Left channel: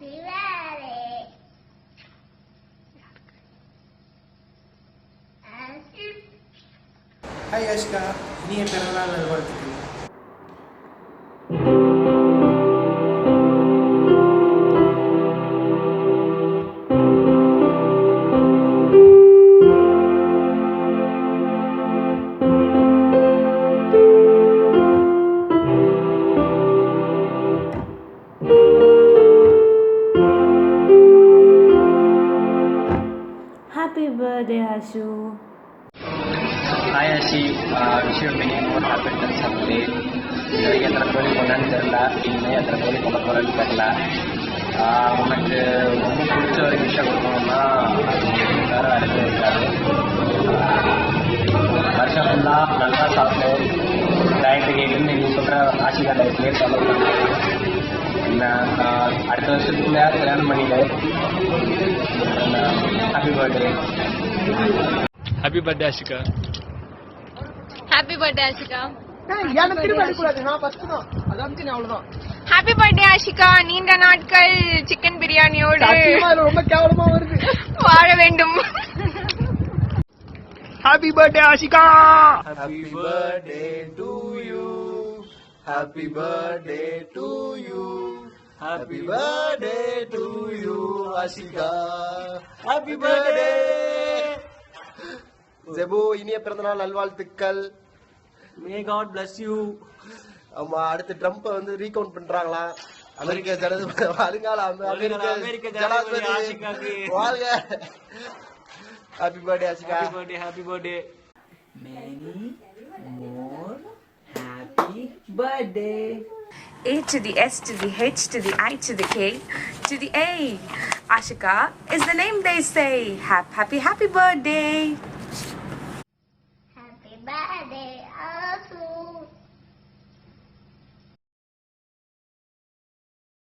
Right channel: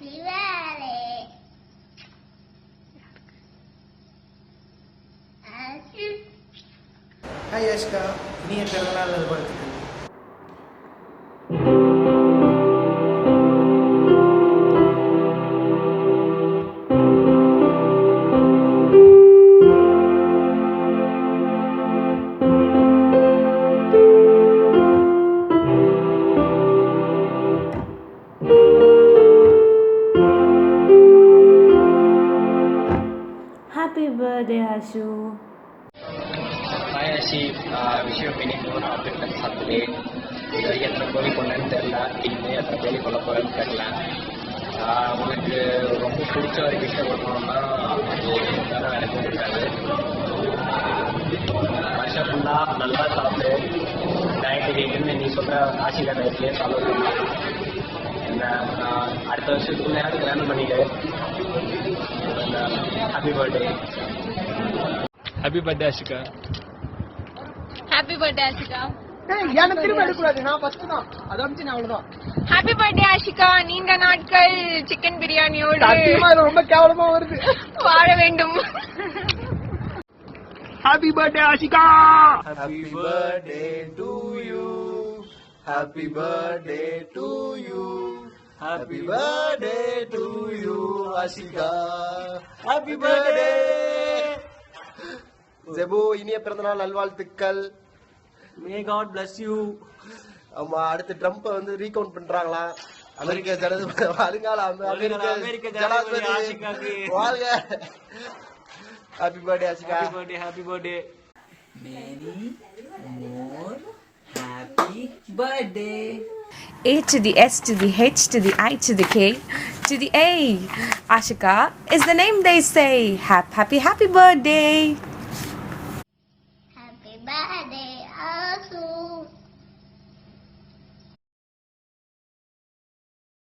ஹாய் யாஷிகா, இனிய பிறந்தநாள் நல்வாழ்த்துக்கள். Happy birthday, Ashu. Hi Ashi, wish you many more happy returns of the day. இதுவரைக்கும் எத்தனை பேர் கொண்டான்னு தெரியல, இன்னும் எத்தனை பேர் கொள்ள போகிறேன்னு தெரியல. உனக்கு ரொம்ப பிடிச்ச ஒரு விஷயம் கொடுக்கணும்னா அது வேறு இடத்துல இருக்காது. வருஷம் ஃபுல்லாக நல்லா சாப்பிட்டு டயட்டு கேட்டுன்னு நீ சொல்கிற ஆசிகா டயட்லேயே ஃபாலோ பண்ணு. நான் அடுத்த வருஷத்துக்குள்ளே கல்யாணம் பண்ணிவிடு. Happy birthday. Happy birthday Ashika. Happy birthday Ashika. எனக்கு திரும்ப எடுக்கக்கூடாது, நான் ஃபர்ஸ்ட் தான். அதை வந்து நான் அவ்வளோதான். Happy birthday Ashika. நீண்ட நாட்கள் சிக்கன் பிரியாணியோடு சத்தியமா ரொம்ப கேவலமா வருது. வாழ வேண்டும். Happy birthday Ashika. Happy birthday to you. Happy birthday to you. Happy birthday to you, Ashika. Happy birthday. ஜெபு, இனிய பிறந்தநாள் நல்வாழ்த்துக்கள். May God bless you. ஆமா, அடுத்து ட்ரம்ப் வந்து ரீகவுண்ட் பண்றாங்களா? அமெரிக்க ஜனாதிபதி வருங்கால அமெரிக்க ஜனாதிபதி ஆஷிகாக்கு வாழ்க. Happy birthday Ashika. Happy birthday, happy birthday. Many more happy birthday. A to the S to the H to the I to the K to the A. Ashika is the name they say. Happy birthday.